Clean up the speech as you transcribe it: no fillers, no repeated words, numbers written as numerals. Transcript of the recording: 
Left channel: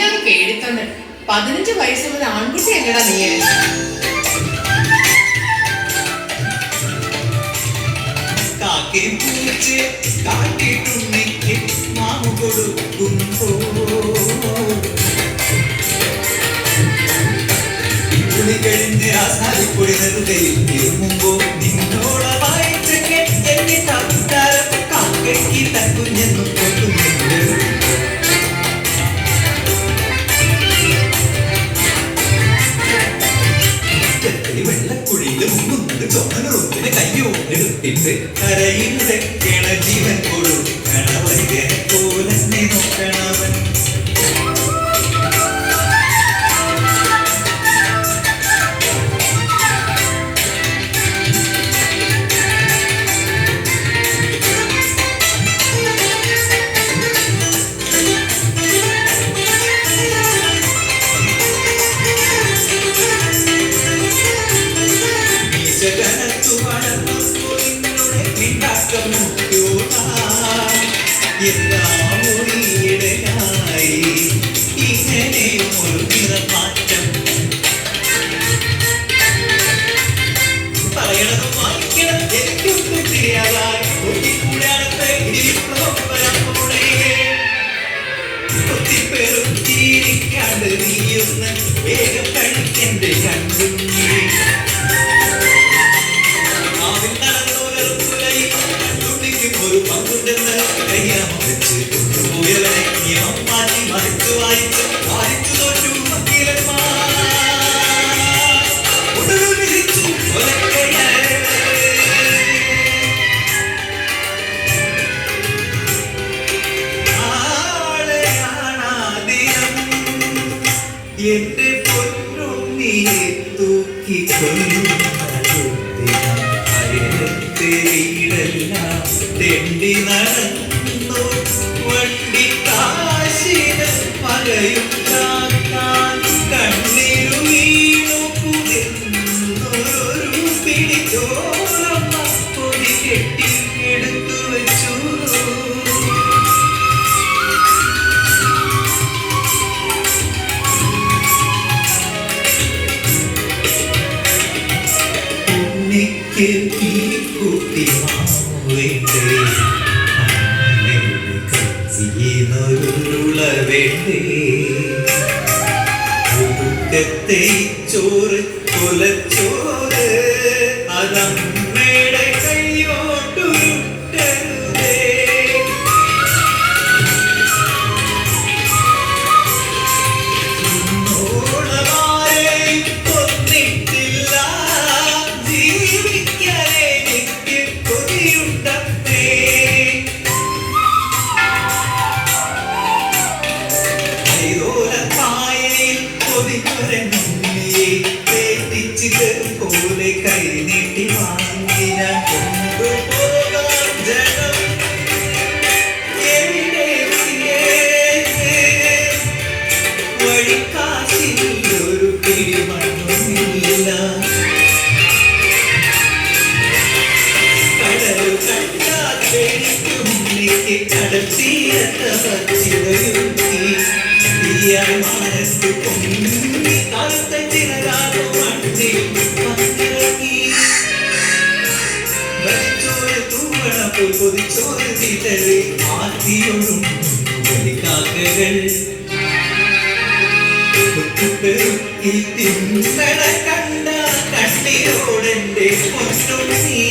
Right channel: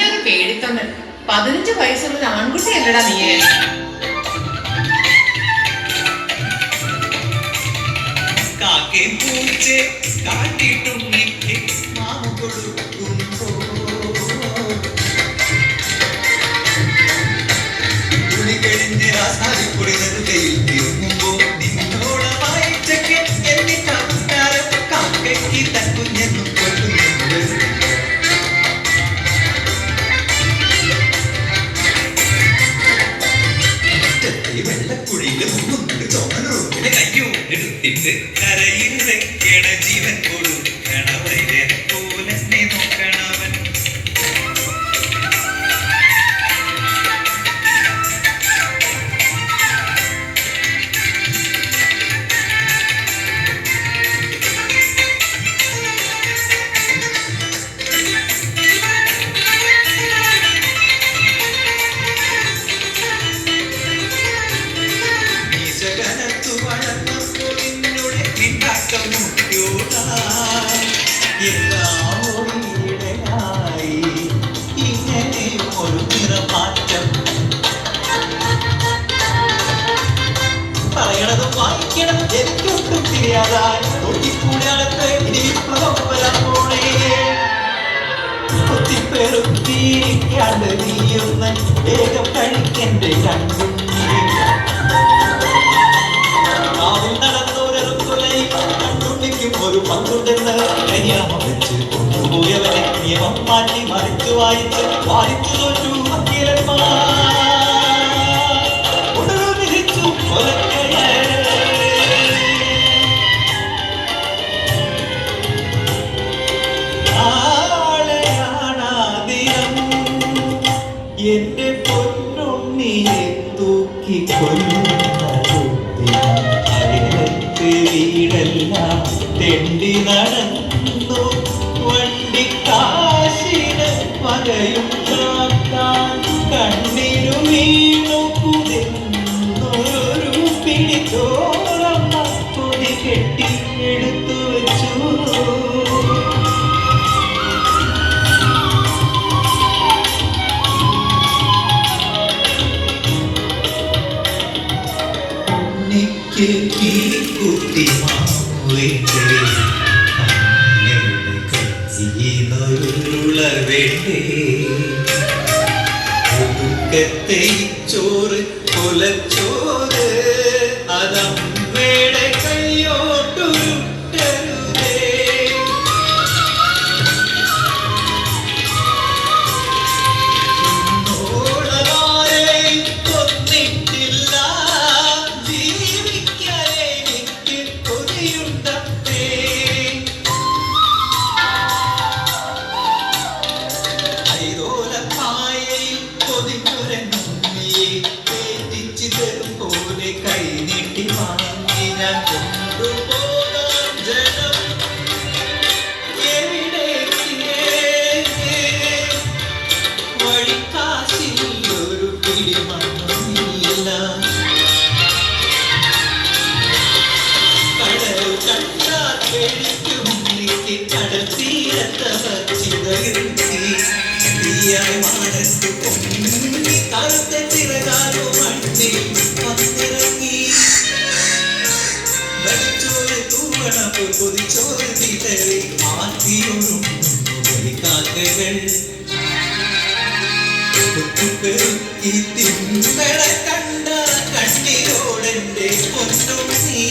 ഇങ്ങനെ കേട്ടിട്ടുണ്ട്. 15 വയസ്സുള്ള ആൺകുട്ടി അല്ലടാ നീ. വെള്ളക്കുഴിയിലും ചോന്നൂരിന് കയ്യോടെടുത്തിട്ട് കരയിലെ ജീവൻ കൊടുക്കണവരെ പോലെ നോക്കണവൻ. ഏകപ്പണിക്കെന്റെ കണ്ടും ഒരു പങ്കുണ്ടെന്ന് കയ്യാമ വെച്ച് കൊണ്ടുപോയവനെ നിയമം മാറ്റി മറിച്ച് വായിച്ച് വായിച്ചു തോറ്റു ഒടുവിൽ വിധിച്ചു നാളെയാണാദിയം എന്റെ പൊന്നുണ്ണിയെ തൂക്കിക്കൊല്ലുന്നത് വീടെല്ലാം തെണ്ടി നടന്നു വണ്ടിക്കാശിന് പകയും കണ്ണീരു വീണൊരു പിടിച്ചോളം പൊടി കെട്ടി എടുത്തു വെച്ചു. ഉണ്ണിക്ക് ഈ കുട്ടി ഒടുക്കത്തെ ചോറ് കൊലച്ചോറ് അതമ്മയുടെ കൈയോട്ടുരുട്ടരുതേ. ഓളമാരെയും കൊന്നിട്ടില്ല ജീവിക്കാനേ എനിക്ക് കൊതിയുണ്ടേ. പോലെ കൈ നീട്ടി വാങ്ങി ഞാൻ കൊണ്ടുപോകാൻ ജനം എവിടെ വഴിക്കാശിൽ ഒരു പിടിമണ്ണില്ല. കടൽ കണ്ടാൽ പേടിക്കും നീക്കി കടൽ തീരത്തെ വച്ചിടയുത്തി മാനത്ത് പൊങ്ങി കാലത്തെ ചിലരാകോ മണ്ണിൽ വന്നിറങ്ങി വലിച്ചോറ് തൂവണ പോയി കൊതിച്ചോറ് തീറ്ററി ആർത്തിയൊഴും കാക്കകൾ പെറുക്കി തിന്നട കണ്ട കണ്ണീരോടെന്റെ പൊന്നുണ്ണി.